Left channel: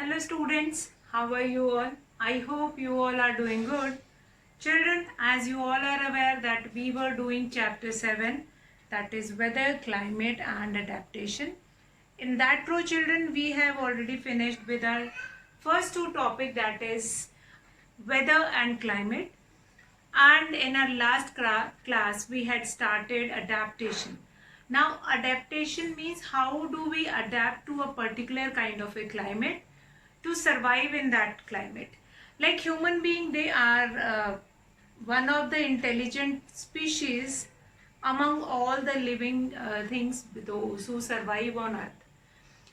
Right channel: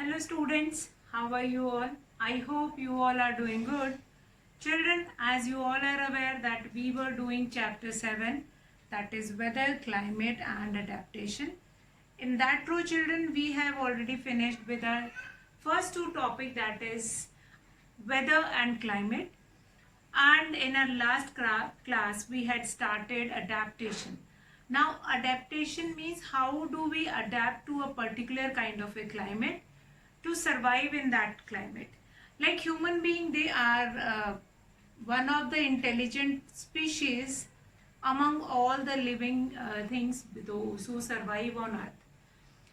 Hello students, how are you all? I hope you all are doing good. Children, as you all are aware that we were doing chapter 7, that is weather, climate and adaptation. In that row children, we have already finished with our first two topic, that is weather and climate, and in our last class we had started adaptation. Now adaptation means how do we adapt to a particular kind of a climate to survive in that climate. Like human being, they are one of the intelligent species among all the living things, those who survive on earth.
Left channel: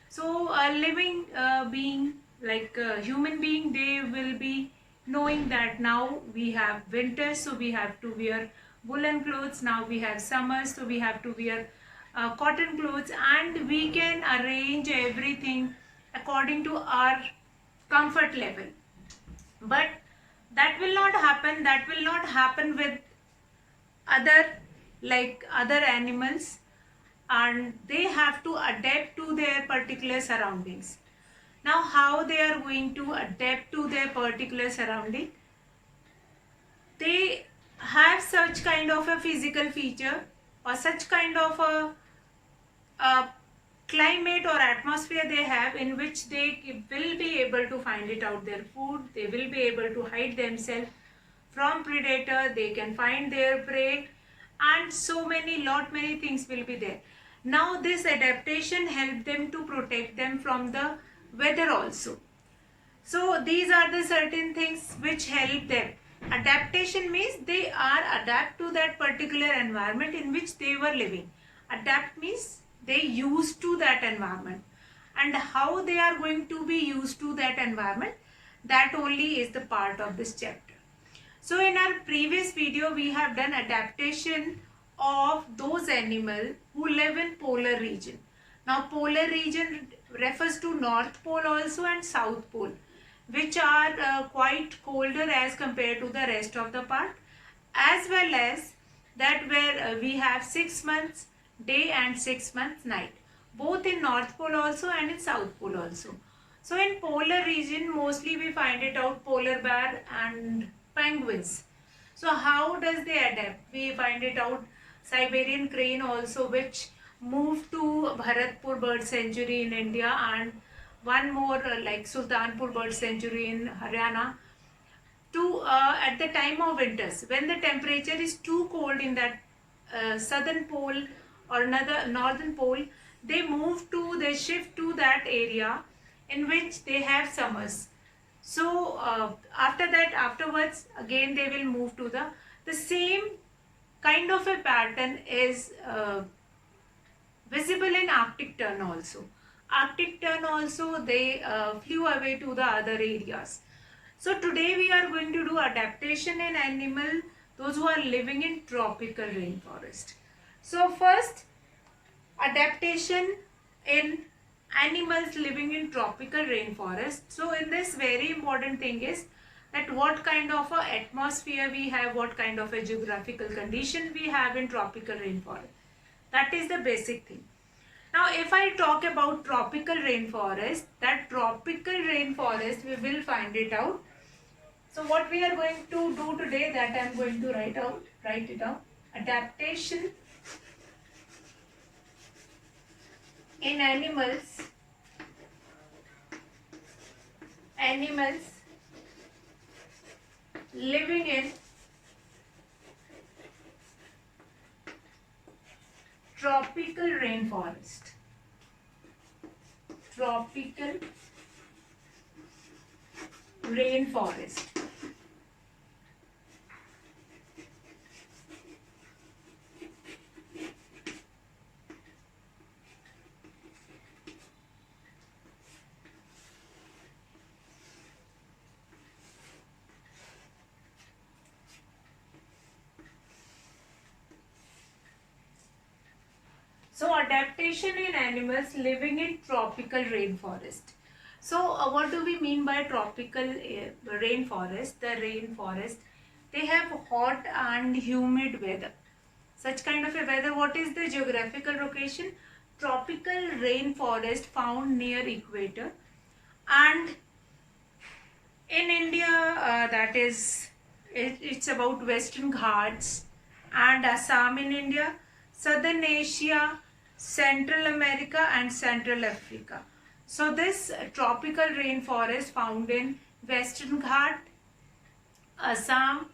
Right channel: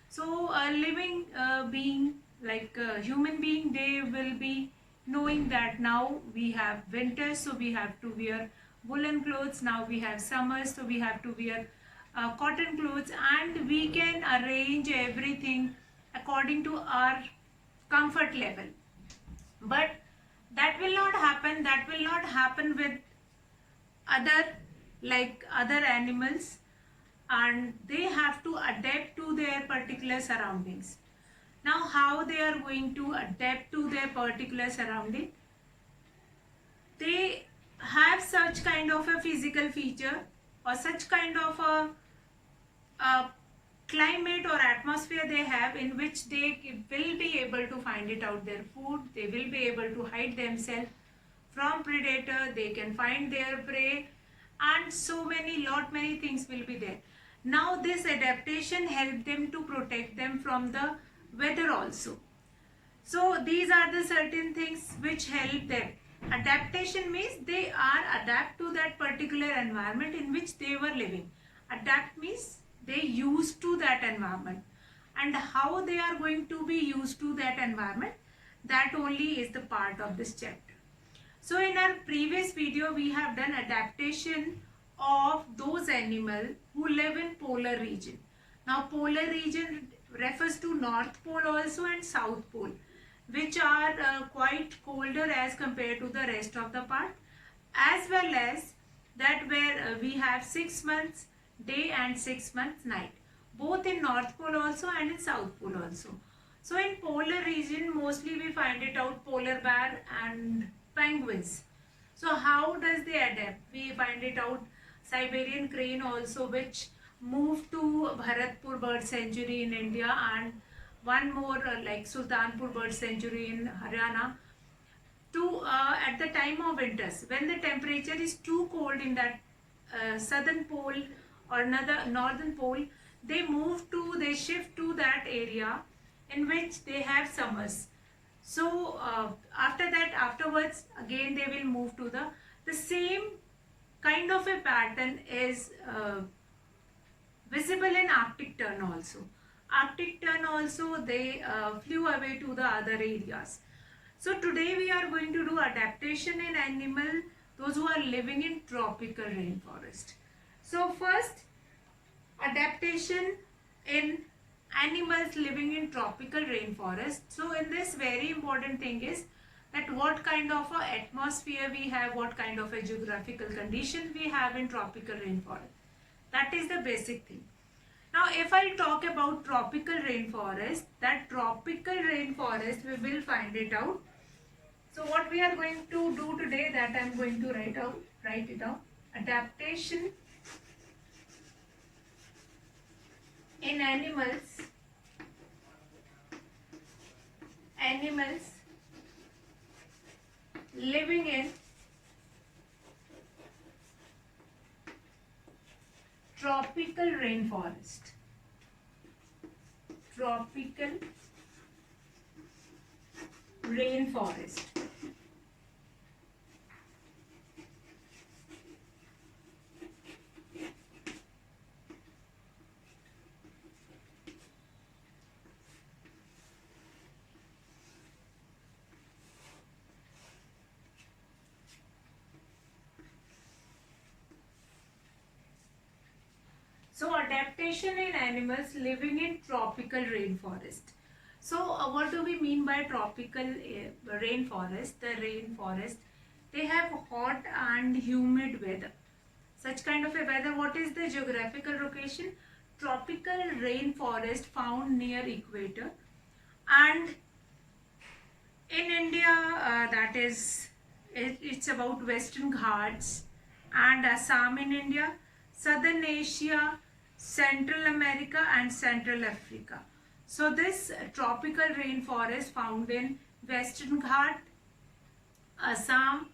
So a living being like a human being, they will be knowing that now we have winter, so we have to wear woolen clothes. Now we have summer, so we have to wear cotton clothes, and we can arrange everything according to our comfort level. But that will not happen with other, like other animals, and they have to adapt to their particular surroundings. Now how they are going to adapt to their particular surrounding? They have such kind of a physical feature or such kind of a climate or atmosphere they have, in which they will be able to find it out their food, they will be able to hide themselves from predator, they can find their prey, and so many things will be there. Now this adaptation help them to protect them from the weather also. So these are the certain things which help them. Adaptation means they are adapt to that particular environment in which they were living. Adapt means they used to that environment, and how they are going to be used to that environment, that only is the part of this chapter. So in our previous video we have done adaptation of those animals who live in polar region. Now polar region refers to North Pole also and South Pole, which are quite colder as compared to the rest of the part, as well as that where we have 6 months day and 6 months night, both in North Pole also and in South Pole also. So in polar region mostly we find it out polar bear and penguins. So how does they adapt? We find it out Siberian crane also, which moved to Bharatpur bird sanctuary in India, and one more like Sultanpur bird sanctuary in Haryana, to at the time of winters when the temperature is too cold in that southern pole or another northern pole, they shift to that area in which they have summers. So afterwards again they will move to the same kind of a pattern is visible in Arctic Tern also. Arctic Tern also, they flew away to the other areas. So today we are going to do adaptation in animal, those who are living in tropical rainforest. So first, adaptation in animals living in tropical rainforest. So in this, very important thing is that what kind of a atmosphere we have, what kind of a geographical condition we have in tropical rainforest. That is the basic thing. Now if I talk about tropical rainforest, that tropical rainforest we will find it out. So what we are going to do today, that I am going to write it down. Adaptation in animals living in tropical rainforest. Tropical rainforest. So adaptation in animals living in tropical rainforest. So what do we mean by tropical rainforest? The rainforest, they have hot and humid weather. Such kind of a weather, what is the geographical location? Tropical rainforest found near equator, And in India, it's about Western Ghats and Assam in India, Southern Asia, Central America, and Central Africa. So this tropical rainforest found in Western Ghat, Assam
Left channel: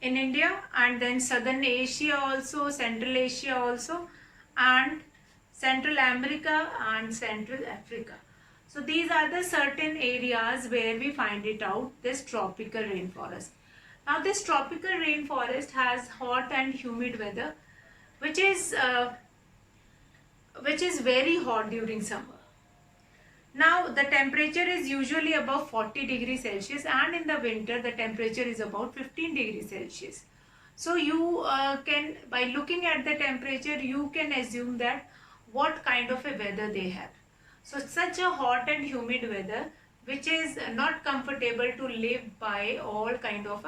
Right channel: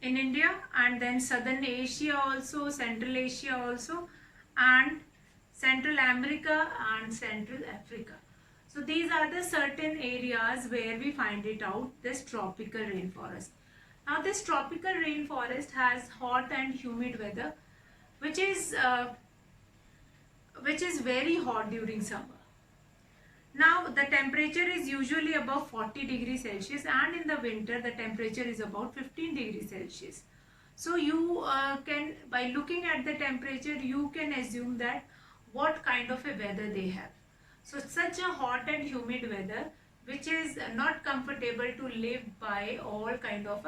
in India, and then Southern Asia also, Central Asia also, and Central America and Central Africa. So these are the certain areas where we find it out, this tropical rainforest. Now this tropical rainforest has hot and humid weather, which is very hot during summer. Now the temperature is usually above 40 degrees Celsius, and in the winter the temperature is about 15 degrees Celsius. So you can, by looking at the temperature, you can assume that what kind of a weather they have. So such a hot and humid weather which is not comfortable to live by all kind of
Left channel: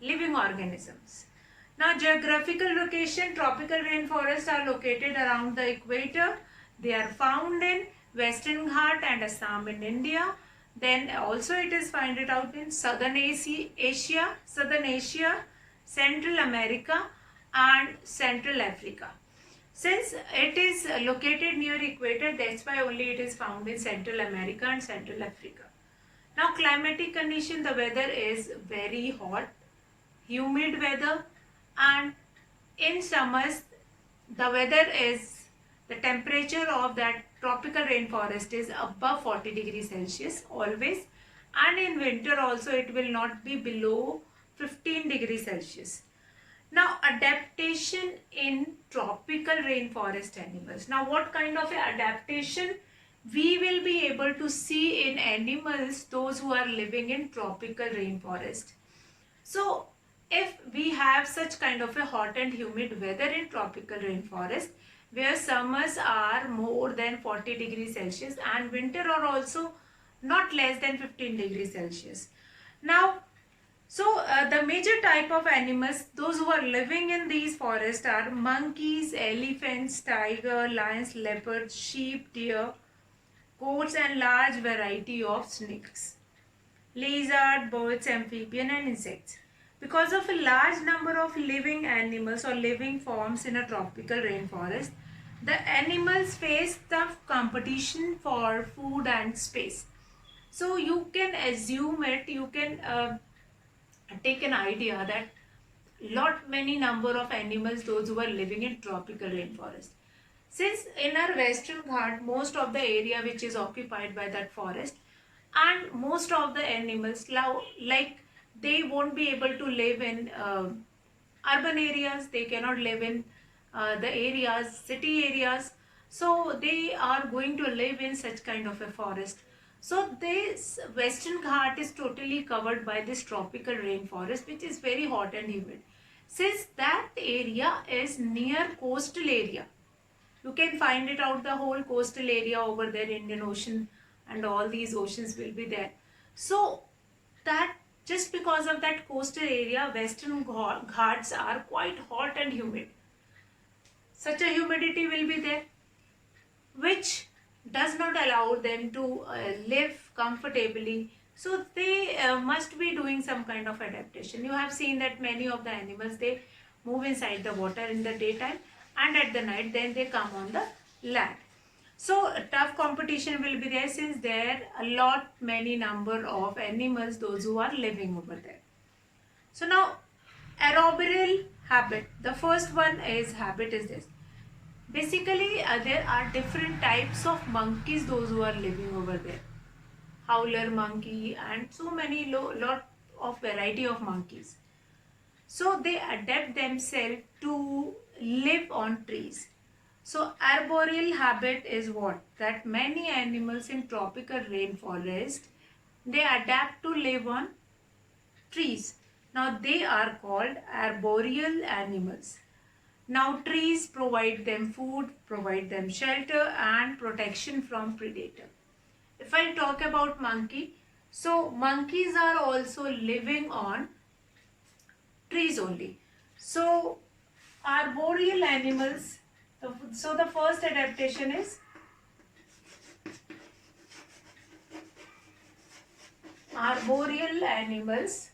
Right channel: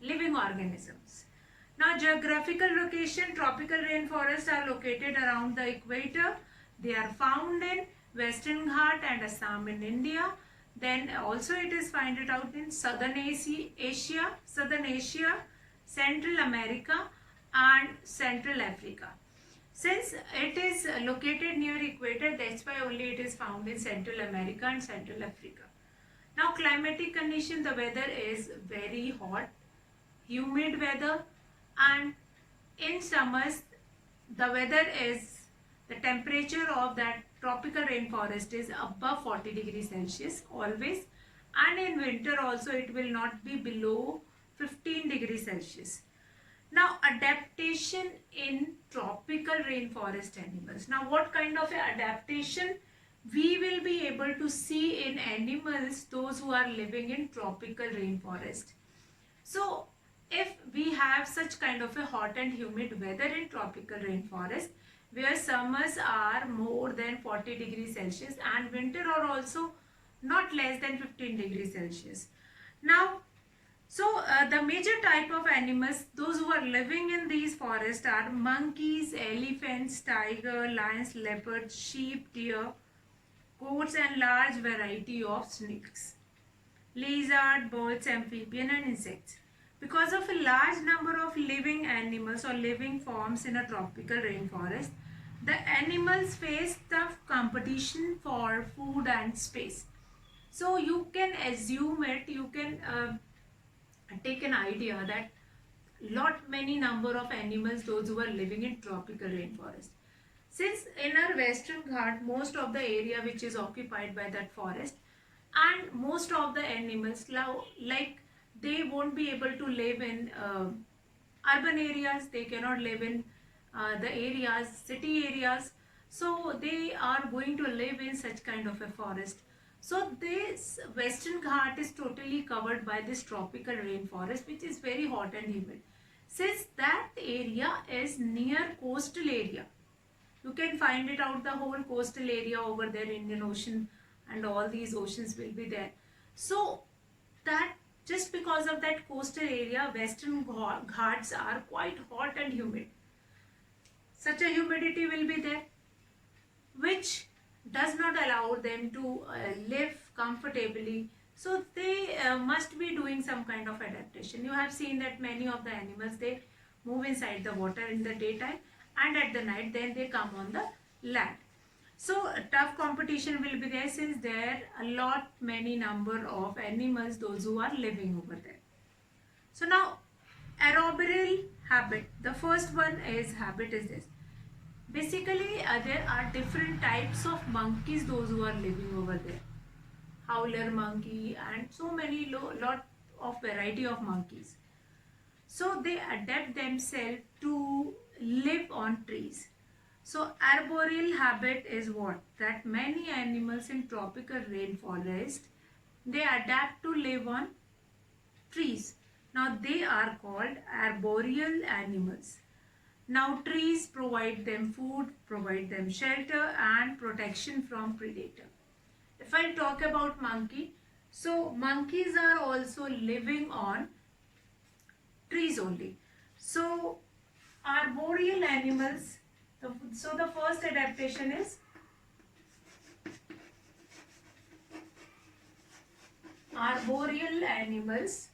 living organisms. Now geographical location, tropical rainforests are located around the equator. They are found in Western Ghat and Assam in India. Then also it is found it out in Southern Asia, Central America and Central Africa. Since it is located near equator, that's why only it is found in Central America and Central Africa. Now climatic condition, the weather is very hot, humid weather, and in summers the weather is, the temperature of that tropical rainforest is above 40 degrees Celsius always, and in winter also it will not be below 15 degrees Celsius. Now adaptation in tropical rainforest animals. Now what kind of adaptation we will be able to see in animals, those who are living in tropical rainforest. So if we have such kind of a hot and humid weather in tropical rainforest, where summers are more than 40 degrees Celsius and winter are also not less than 15 degrees Celsius. Now, the major type of animals, those who are living in these forests are monkeys, elephants, tiger, lions, leopards, sheep, deer, goats and large variety of snakes, lizard, birds, amphibian and insects. Because of a large number of living animals or living forms in a tropical rainforest, the animals face tough competition for food and space. So you can assume it, you can take an idea that many number of animals, those who are living in tropical rainforest. Since in our Western Ghat, most of the area which is occupied by that forest, and most of the animals like they won't be able to live in urban areas, they cannot live in the areas, city areas, so they are going to live in such kind of a forest. So this Western Ghat is totally covered by this tropical rainforest which is very hot and humid. Since that area is near coastal area, you can find it out, the whole coastal area over there, Indian Ocean and all these oceans will be there. So that just because of that coastal area, Western Ghats are quite hot and humid. Such a humidity will be there which does not allow them to live comfortably. So they must be doing some kind of adaptation. You have seen that many of the animals, they move inside the water in the daytime, and at the night then they come on the land. So tough competition will be there, since there are many number of animals, those who are living over there. So now arboreal habit, the first one is habit is this. Basically there are different types of monkeys, those who are living over there. Howler monkey and so many lot of variety of monkeys. So they adapt themselves to live on trees. So arboreal habit is what? That many animals in tropical rainforest, they adapt to live on trees. Now they are called arboreal animals. Now trees provide them food, provide them shelter and protection from predator. If I talk about monkey, so monkeys are also living on trees only. So arboreal animals, so the first adaptation is arboreal animals,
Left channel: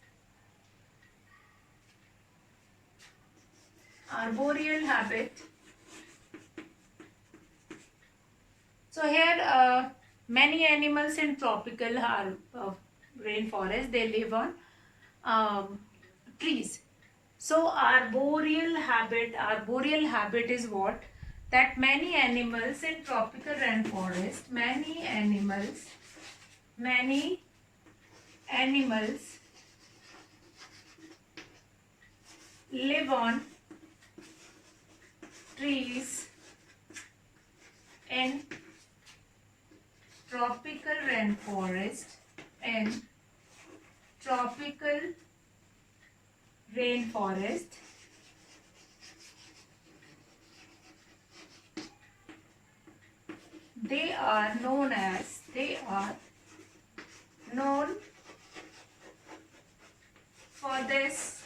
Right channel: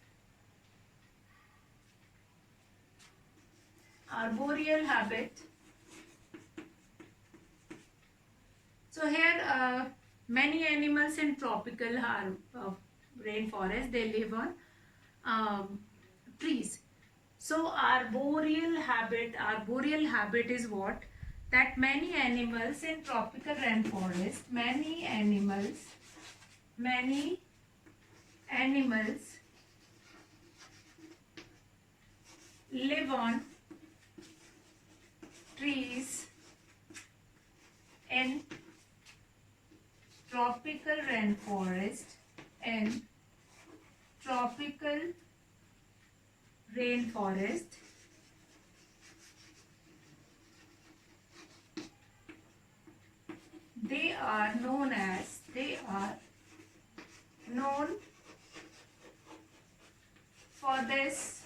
arboreal habit. So here many animals in tropical rainforest, they live on trees. So arboreal habit is what? That many animals in tropical rainforest, many animals live on trees in tropical rainforest, in tropical rainforest. They are known for this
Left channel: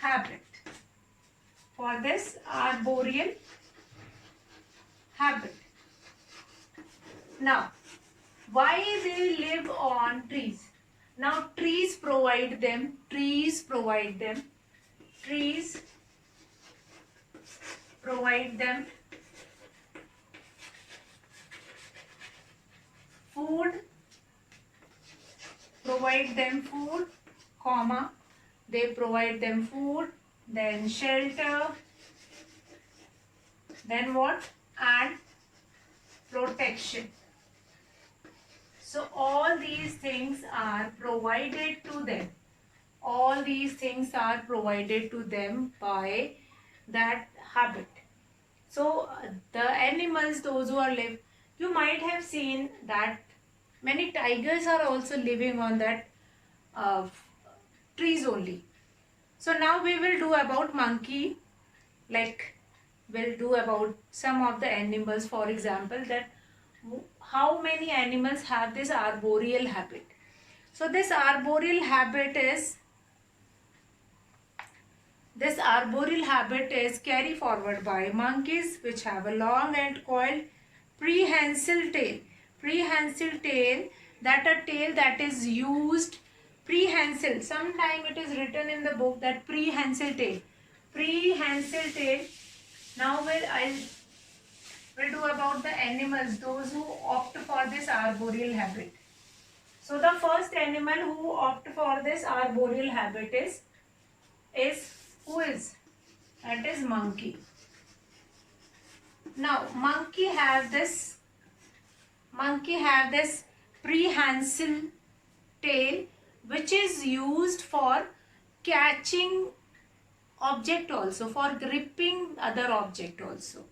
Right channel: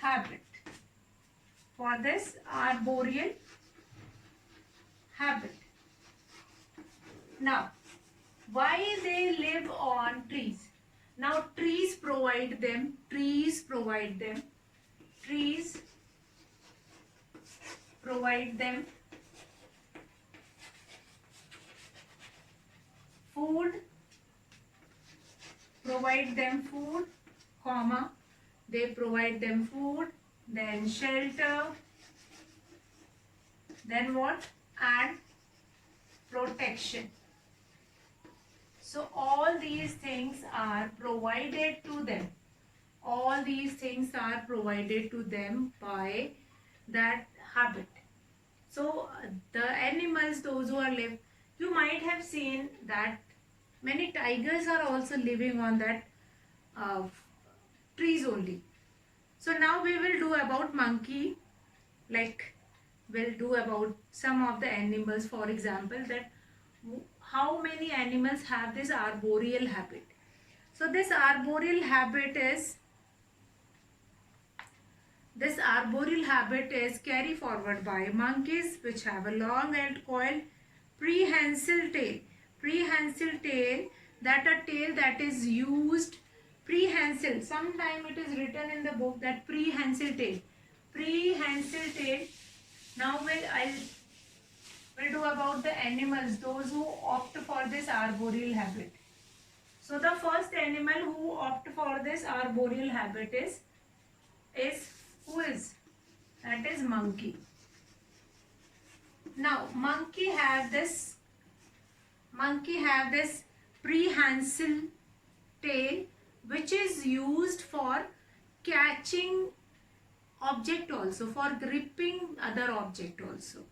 habit, for this arboreal habit. Now, why they live on trees? Now, trees provide them food, comma, they provide them food, then shelter, then what? And protection. So all these things are provided to them. All these things are provided to them by that habit. So the animals, those who are live, you might have seen that many tigers are also living on that trees only. So now we will do about monkey, like we'll do about some of the animals, for example, that how many animals have this arboreal habit. So this arboreal habit is carried forward by monkeys, which have a long and coiled prehensile tail. Prehensile tail, that a tail that is used, prehensile, sometime it is written in the book that prehensile tail. Prehensile tail. Now we'll do about the animals, those who opt for this arboreal habit. So the first animal who opt for this arboreal habit is who is? That is monkey. Now monkey have this prehensile tail, which is used for catching object also, for gripping other object also.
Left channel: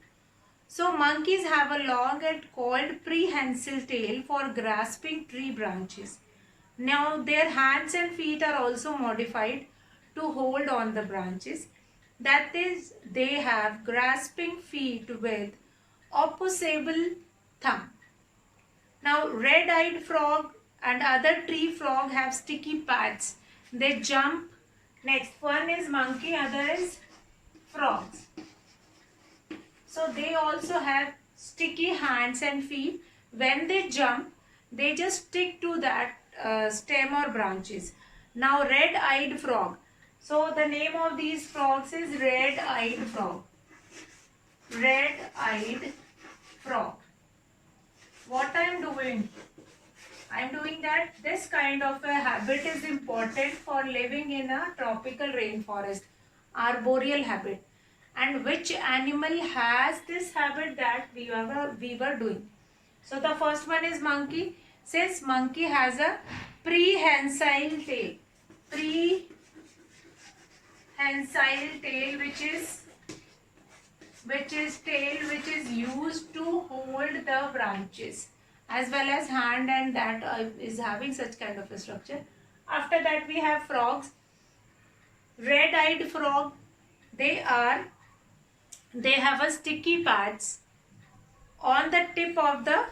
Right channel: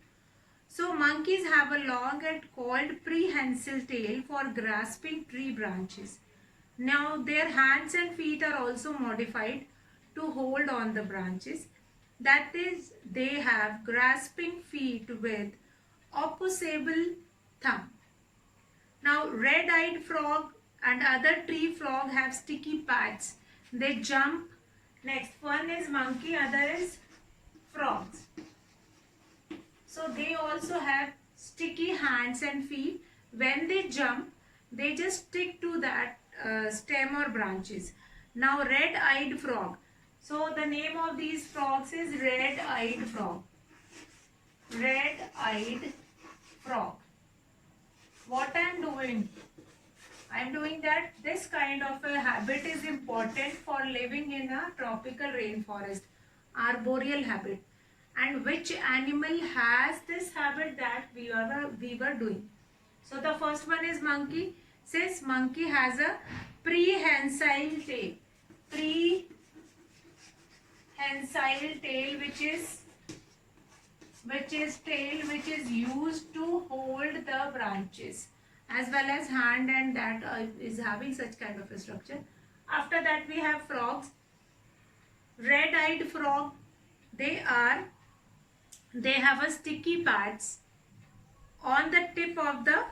So monkeys have a long and coiled prehensile tail for grasping tree branches. Now their hands and feet are also modified to hold on the branches. That is, they have grasping feet with opposable thumb. Now red-eyed frog and other tree frog have sticky pads. They jump. Next one is monkey, other is frogs. So they also have sticky hands and feet. When they jump, they just stick to that stem or branches. Now red-eyed frog. So the name of these frogs is red-eyed frog. Red-eyed frog. What I am doing? I am doing that this kind of a habit is important for living in a tropical rainforest. Arboreal habit. And which animal has this habit that we were doing? So the first one is monkey. Says monkey has a prehensile tail. Prehensile tail, which is used to hold the branches, as well as hand, and that is having such kind of a structure. After that we have frogs. Red-eyed frog, they have a sticky pads on the tip of the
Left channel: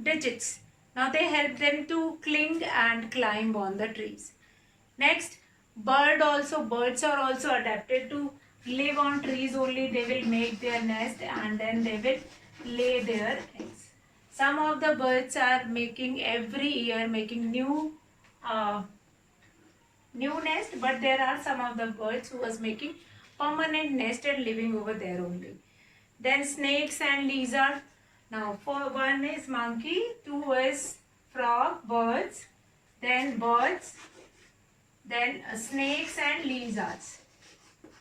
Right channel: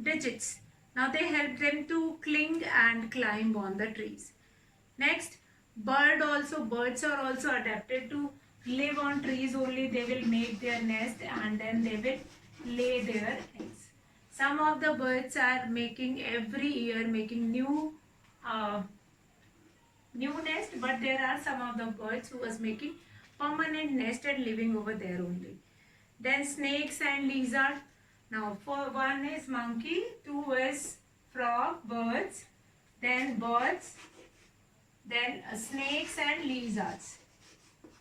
digits. Now they help them to cling and climb on the trees. Next, birds are also adapted to live on trees only. They will make their nest and then they will lay their eggs. Some of the birds are making every year making new nest, but there are some of the birds who was making permanent nest and living over there only. Then snakes and lizard. Now for one is monkey, two is frog, birds, then snakes and lizards.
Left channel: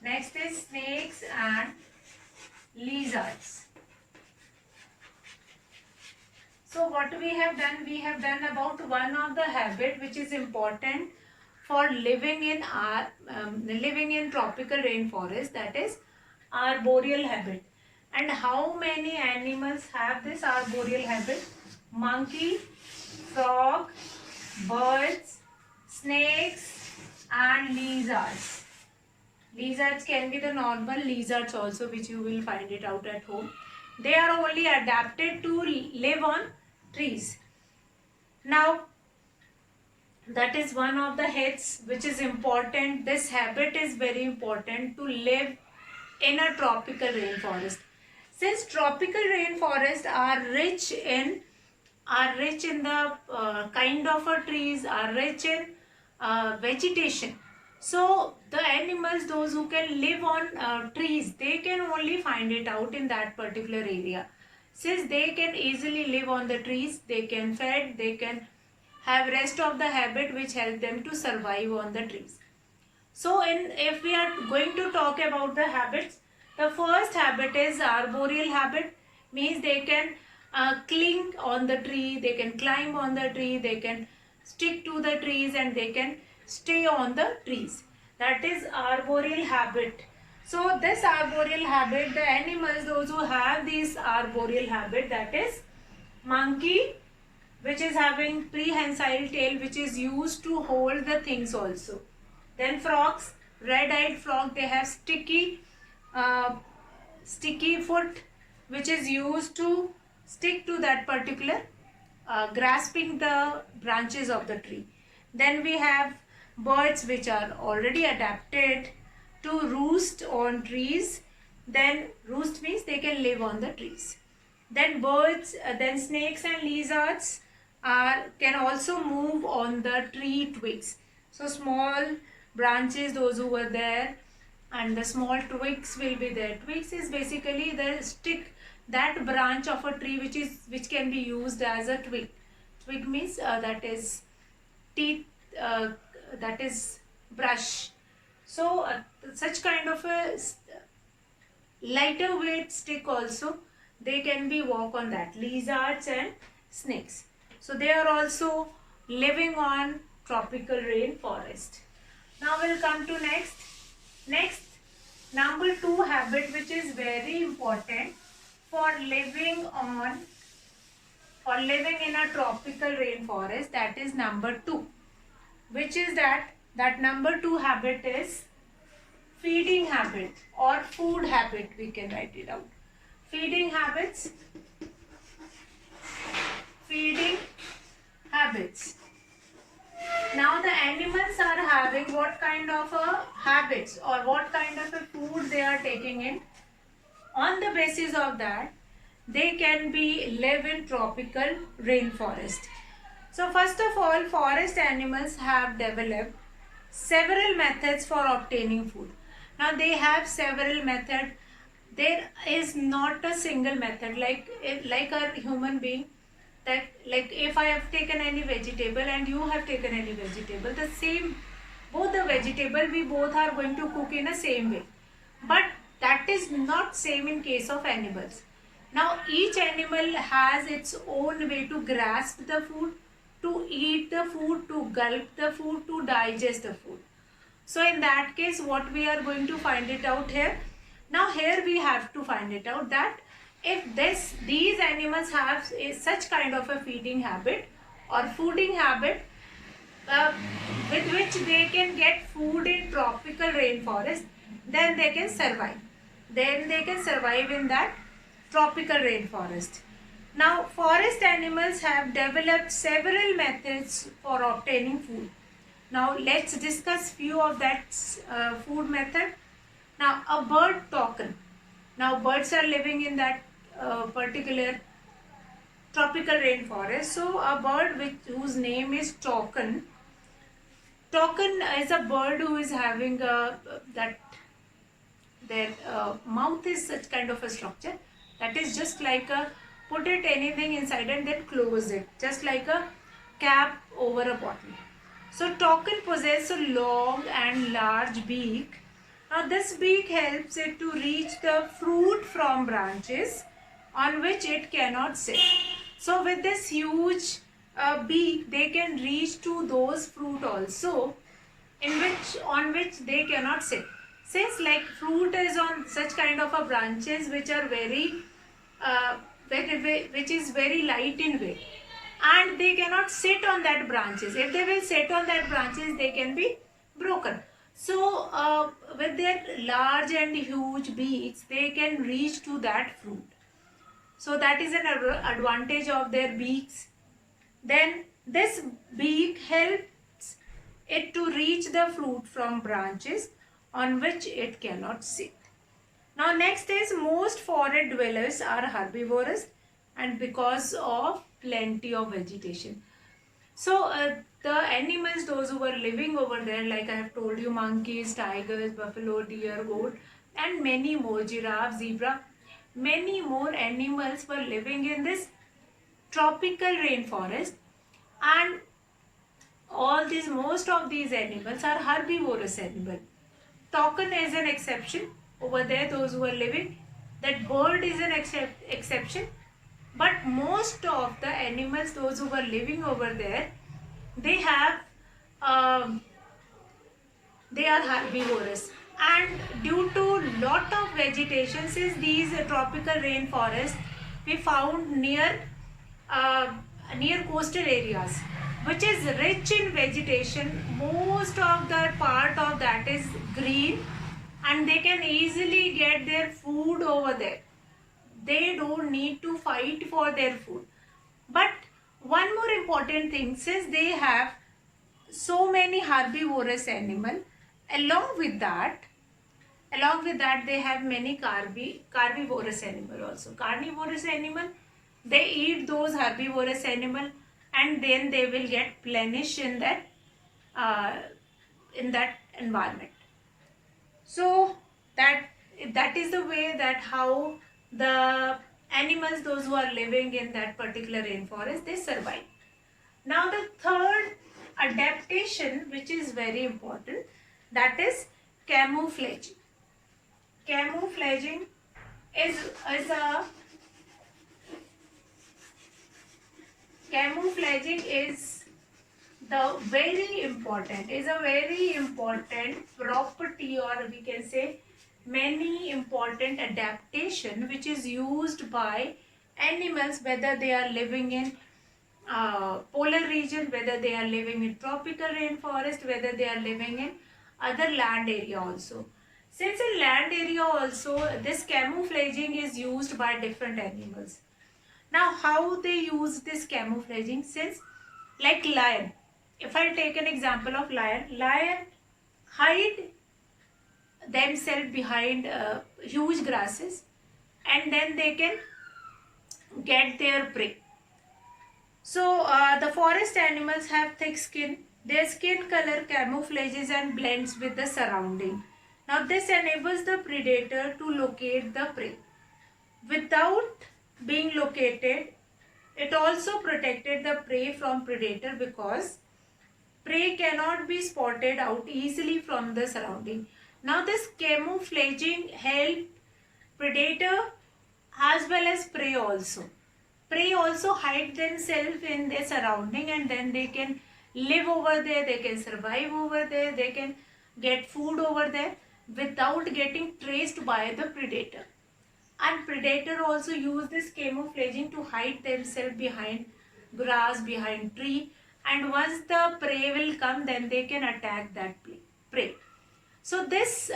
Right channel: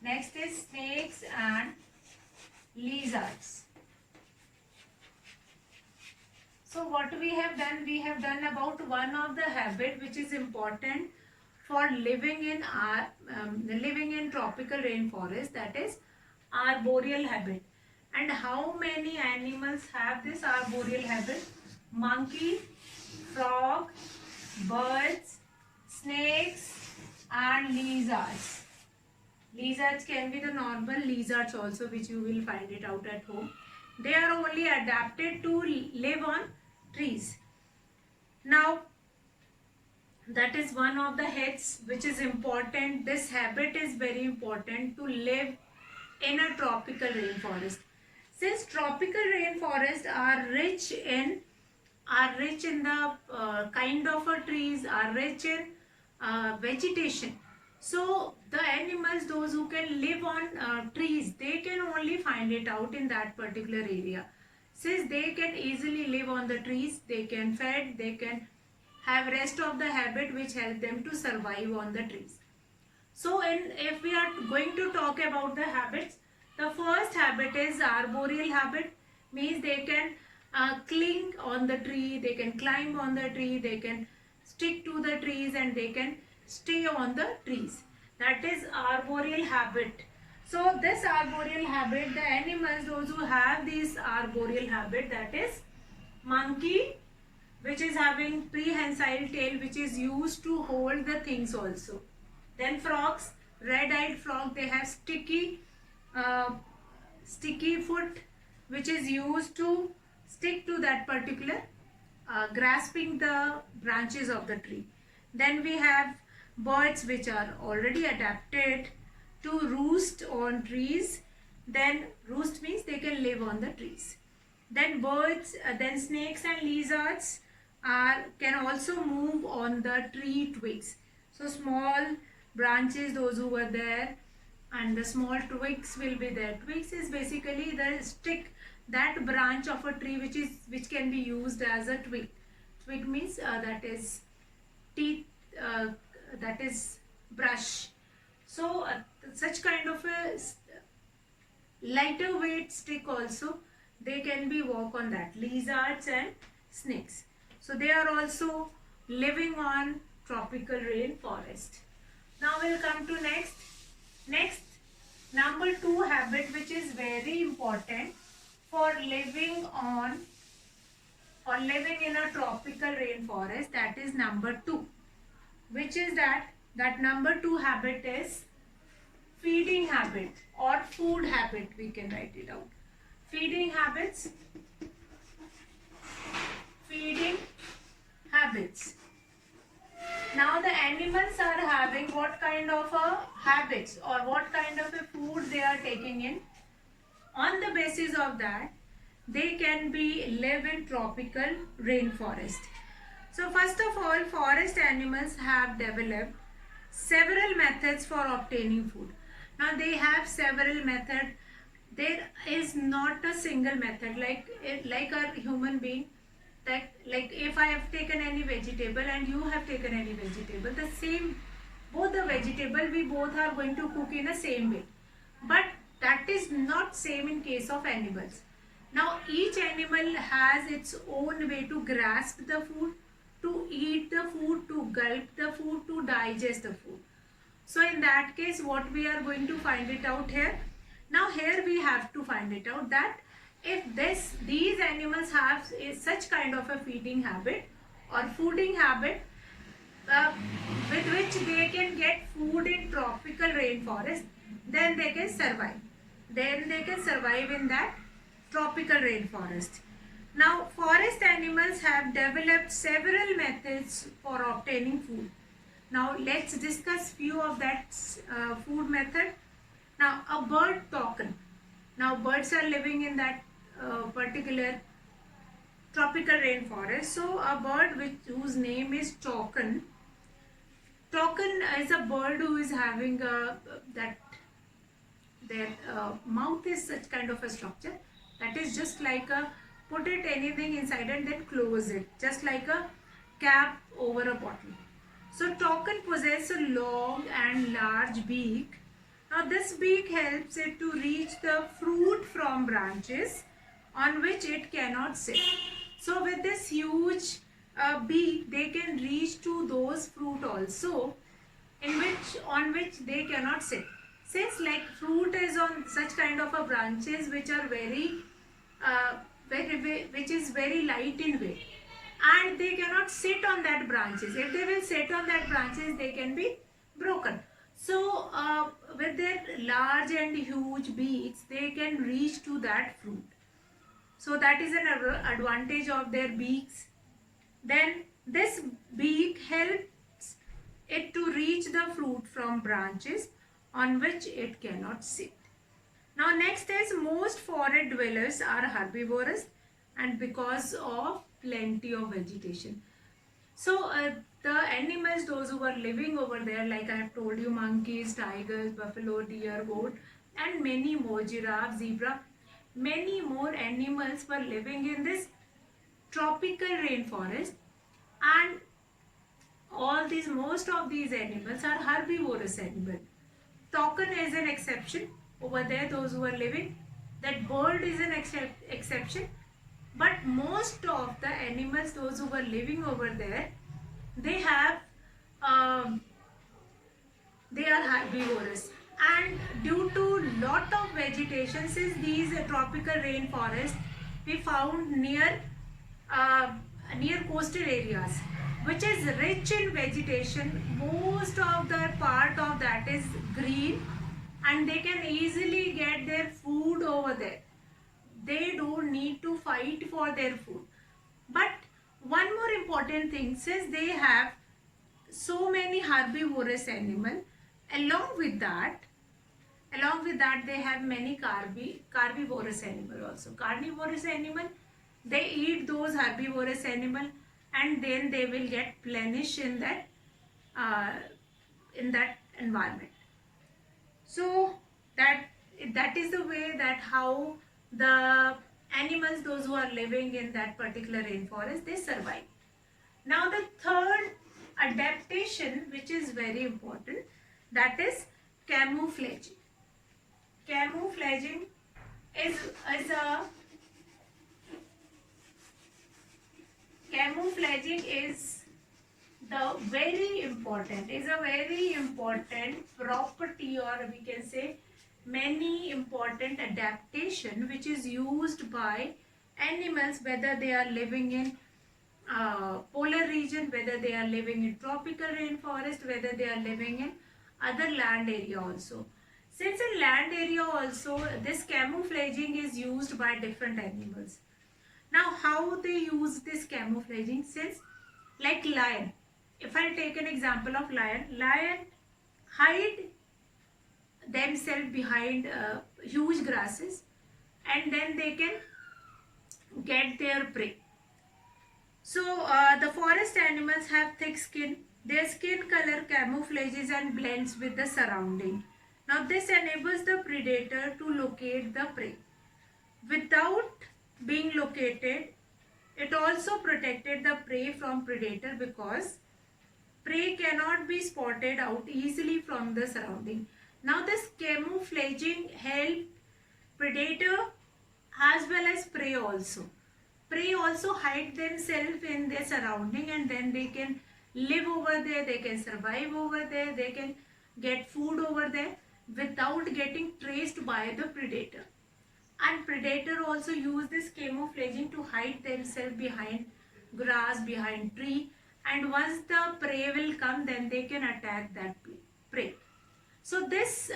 Next is snakes and lizards. So what we have done about one of the habit which is important for living in tropical rainforest, that is arboreal habit. And how many animals have this arboreal habit? Monkey, frog, birds, snakes and lizards. Lizards can be the normal lizards also, which you will find it out at home. They are only adapted to live on trees. Now that is one of the heads which is important. This habit is very important to live in a tropical rainforest. Since tropical rainforests are rich in the kind of trees, are rich in vegetation. So the animals, those who can live on trees, they can only find it out in that particular area. Since they can easily live on the trees, they can feed, they can have rest of the habit which help them to survive on the trees. So if we are going to talk about the habits, the first habit is arboreal habit, means they can cling on the tree, they can climb on the tree, they can stick to the trees and they can stay on the trees. That is arboreal habit. So this arboreal habit, the animals, those who have this arboreal habit, that is monkey, which is having prehensile tail, which is used to hold the things also. Then frogs, red-eyed frog, they have sticky foot, which is used to stick to that particular grasping the branches of the tree. Then we have birds which are already adapted to roost on trees. Then roost means they can live on the trees. Then then snakes and lizards can also move on the tree twigs. So small branches, those who were there, and the small twigs will be there. Twigs is basically the stick, that branch of a tree which can be used as a twig. Twig means that is teeth, that is brush. So such kind of a lighter weight stick also, they can be walk on that. Lizards and snakes. So they are also living on tropical rainforest. Now we'll come to next number 2 habit, which is very important for living in a tropical rainforest. That is number 2, which is that number 2 habit is feeding habit or food habit. We can write it out. Feeding habits. Feeding habits. Now the animals are having what kind of habits or what kind of a food they are taking in. On the basis of that, they can be live in tropical rainforest. So first of all, forest animals have developed several methods for obtaining food. Now they have several methods. There is not a single method like a human being. That like if I have taken any vegetable and you have taken any vegetable, the same, both the vegetable we both are going to cook in the same way. But that is not same in case of animals. Now each animal has its own way to grasp the food, to eat the food, to gulp the food, to digest the food. So in that case, what we are going to find it out here. Now here we have to find it out that if these animals have such kind of a feeding habit or fooding habit with which they can get food in tropical rainforest, then they can survive. Then they can survive in that tropical rainforest. Now forest animals have developed several methods for obtaining food. Now let's discuss few of that food method. Now a bird token. Now birds are living in that particular tropical rainforest. So a bird whose name is toucan. Toucan is a bird who is having that their mouth is such kind of a structure that is just like a put it anything inside and then close it, just like a cap over a bottle. So toucan possess a long and large beak. Now this beak helps it to reach the fruit from branches on which it cannot sit. So with this huge beak, they can reach to those fruit also on which they cannot sit. Since like fruit is on such kind of a branches which are which is very light in weight, and they cannot sit on that branches. If they will sit on that branches, they can be broken. So with their large and huge beaks, they can reach to that fruit. So that is an advantage of their beaks. Then this beak helps it to reach the fruit from branches on which it cannot sit. Now next is most forest dwellers are herbivorous, and because of plenty of vegetation. So the animals, those who were living over there, like I have told you, monkeys, tigers, buffalo, deer, goat, and many more, giraffe, zebra, many more animals were living in this tropical rainforest, and most of these animals are herbivorous animals. Toucan is an exception over there, those who are living. That bird is an exception. But most of the animals, those who are living over there, they have, they are herbivorous. And due to lot of vegetation, since these tropical rainforests we found near coastal areas, which is rich in vegetation, most of the part of that is green, and they can easily get their food over there. They don't need to fight for their food. But one more important thing, since they have so many herbivorous animal, along with that they have many carnivorous animal also. Carnivorous animal, they eat those herbivorous animal, and then they will get plenished in that environment. So that is the way that how the animals, those who are living in that particular rainforest, they survive. Now the third adaptation, which is very important, that is camouflaging. Camouflaging is a a very important property, or we can say many important adaptation, which is used by animals, whether they are living in polar region, whether they are living in tropical rainforest, whether they are living in other land area also. Since in land area also, this camouflaging is used by different animals. Now how they use this camouflaging, since like lion, if I take an example of lion hide themselves behind huge grasses, and then they can get their prey. So the forest animals have thick skin. Their skin color camouflages and blends with the surrounding. Now this enables the predator to locate the prey. Without being located, it also protected the prey from predator, because prey cannot be spotted out easily from the surrounding. Now this camouflaging helped predator as well as prey also. Prey also hide themselves in their surrounding, and then they can live over there, they can survive over there, they can get food over there without getting traced by the predator. And predator also use this camouflaging to hide themselves behind grass, behind tree, and once the prey will come, then they can attack that prey. So this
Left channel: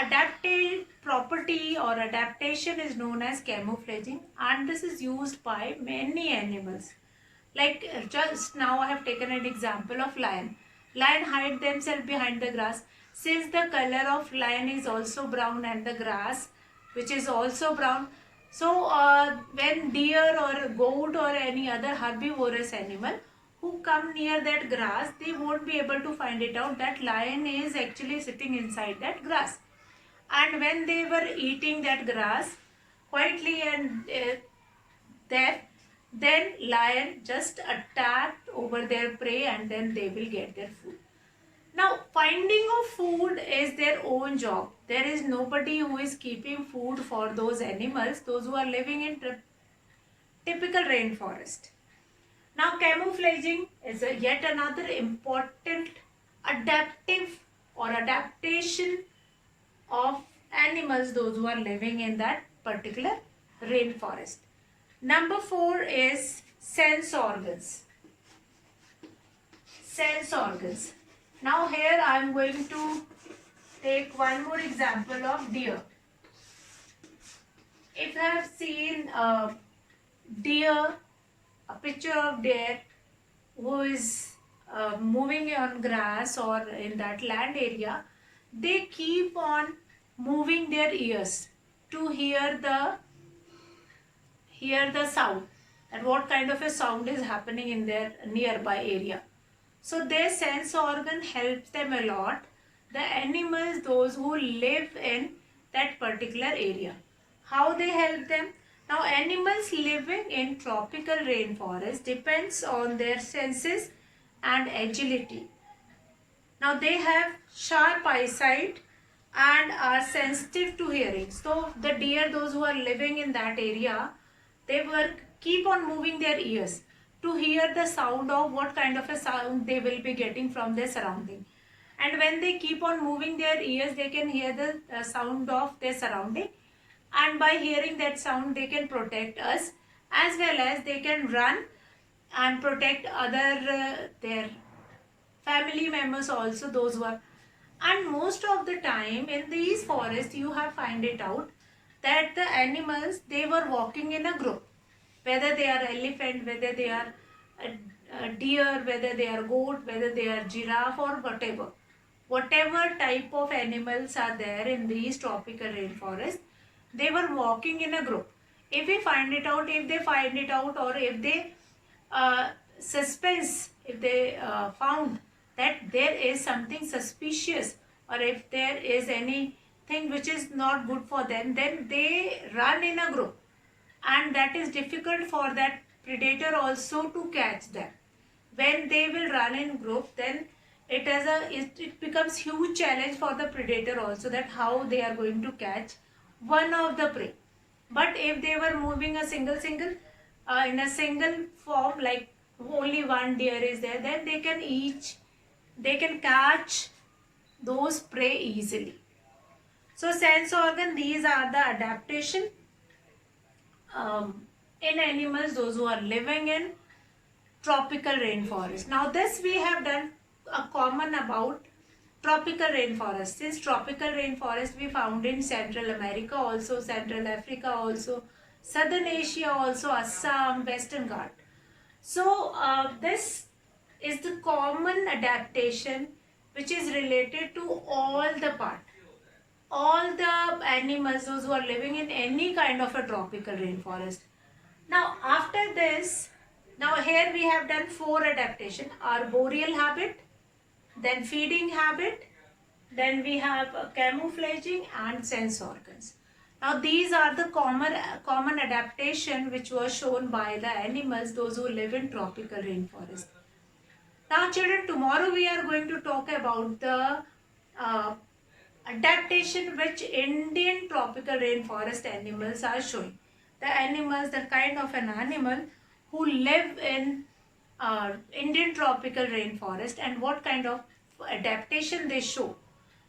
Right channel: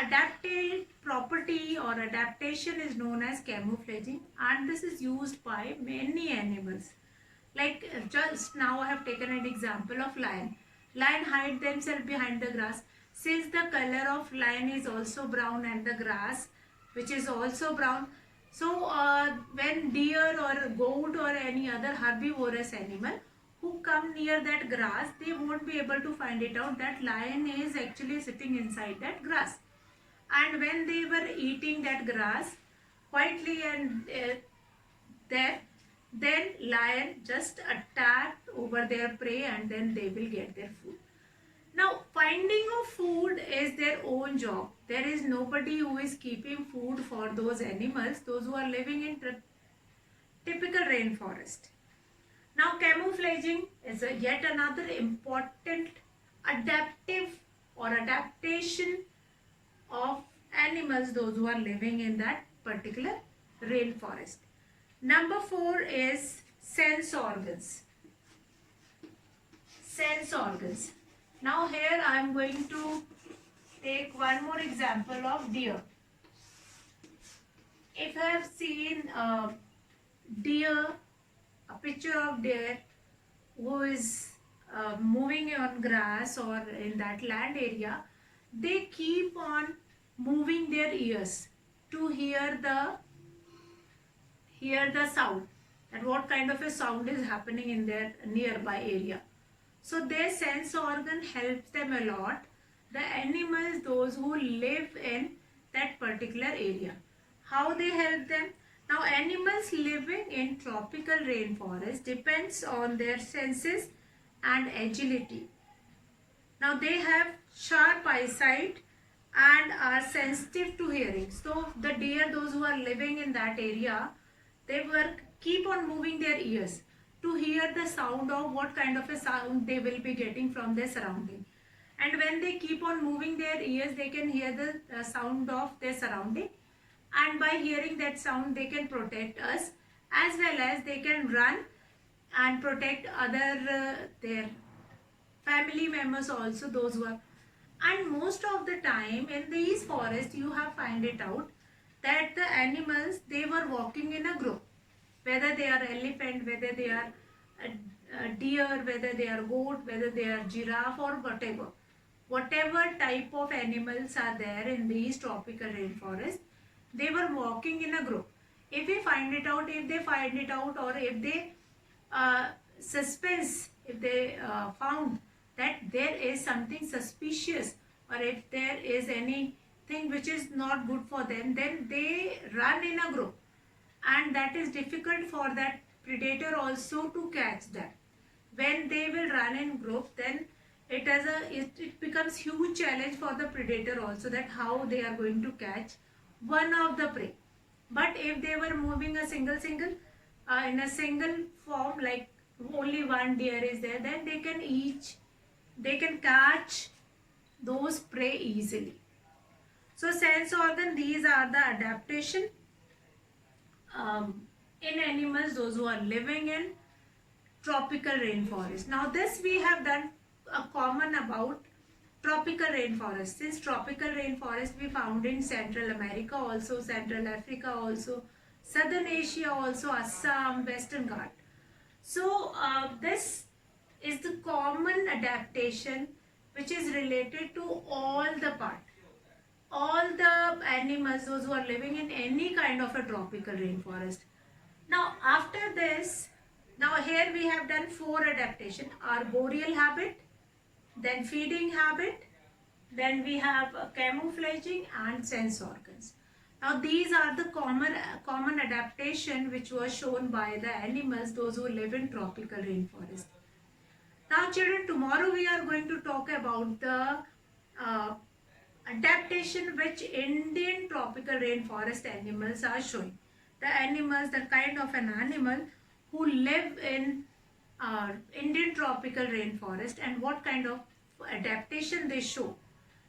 adaptive property or adaptation is known as camouflaging, and this is used by many animals. Like just now I have taken an example of lion. Lion hide themselves behind the grass. Since the color of lion is also brown and the grass which is also brown, So when deer or goat or any other herbivorous animal who come near that grass, they won't be able to find it out that lion is actually sitting inside that grass. And when they were eating that grass quietly and there, then lion just attacked over their prey and then they will get their food. Now, finding of food is their own job. There is nobody who is keeping food for those animals, those who are living in typical rainforest. Now, camouflaging is yet another important adaptive or adaptation of animals, those who are living in that particular rainforest. Number 4 is sense organs. Sense organs. Now here I am going to take one more example of deer. If I have seen a deer, a picture of deer who is moving on grass or in that land area, they keep on moving their ears to hear the sound and what kind of a sound is happening in their nearby area. So their sense organ helps them a lot. The animals, those who live in that particular area. How they help them? Now animals living in tropical rainforest depends on their senses and agility. Now they have sharp eyesight and are sensitive to hearing. So the deer, those who are living in that area, they keep on moving their ears to hear the sound of what kind of a sound they will be getting from their surrounding. And when they keep on moving their ears, they can hear the sound of their surrounding, and by hearing that sound they can protect us, as well as they can run and protect other their family members also, those who are. And most of the time in these forests you have find it out that the animals, they were walking in a group, whether they are elephant, whether they are a deer, whether they are goat, whether they are giraffe or whatever type of animals are there in these tropical rainforest, they were walking in a group. If they find it out, or if they suspense, if they found that there is something suspicious, or if there is anything which is not good for them, then they run in a group, and that is difficult for that predator also to catch them. When they will run in group, then it becomes huge challenge for the predator also, that how they are going to catch one of the prey. But if they were moving a single in a single form, like only one deer is there, then they can catch those prey easily. So sense organ, these are the adaptation in animals, those who are living in tropical rainforest. Now this we have done a common about tropical rainforest. Since tropical rainforest we found in Central America also, Central Africa also, Southern Asia also, Assam, Western Ghat. So this is the common adaptation which is related to all the animals, those who are living in any kind of a tropical rainforest. Now after this, now here we have done 4 adaptation: arboreal habit, then feeding habit, then we have camouflaging and sense organs. Now these are the common adaptation which was shown by the animals, those who live in tropical rainforest. Now children, tomorrow we are going to talk about the adaptation which Indian tropical rainforest animals are showing. The animals, the kind of an animal who live in Indian tropical rainforest and what kind of adaptation they show,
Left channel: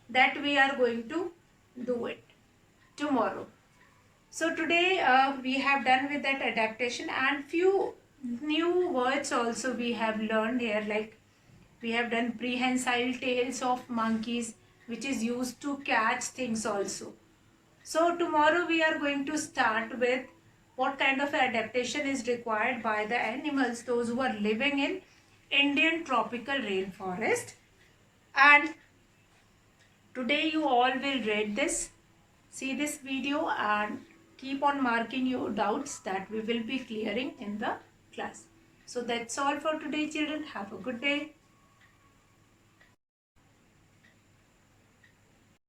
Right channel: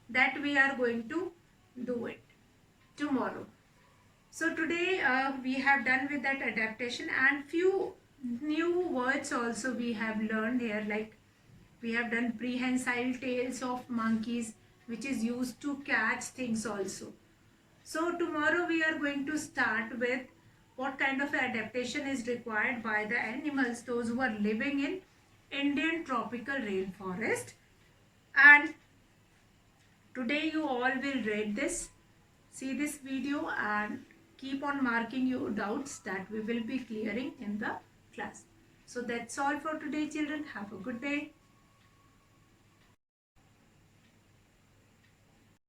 that we are going to do it tomorrow. So today we have done with that adaptation, and few new words also we have learned here, like we have done prehensile tails of monkeys, which is used to catch things also. So tomorrow we are going to start with what kind of adaptation is required by the animals, those who are living in Indian tropical rainforest. And today you all will read this, see this video, and keep on marking your doubts that we will be clearing in the class. So that's all for today, children. Have a good day.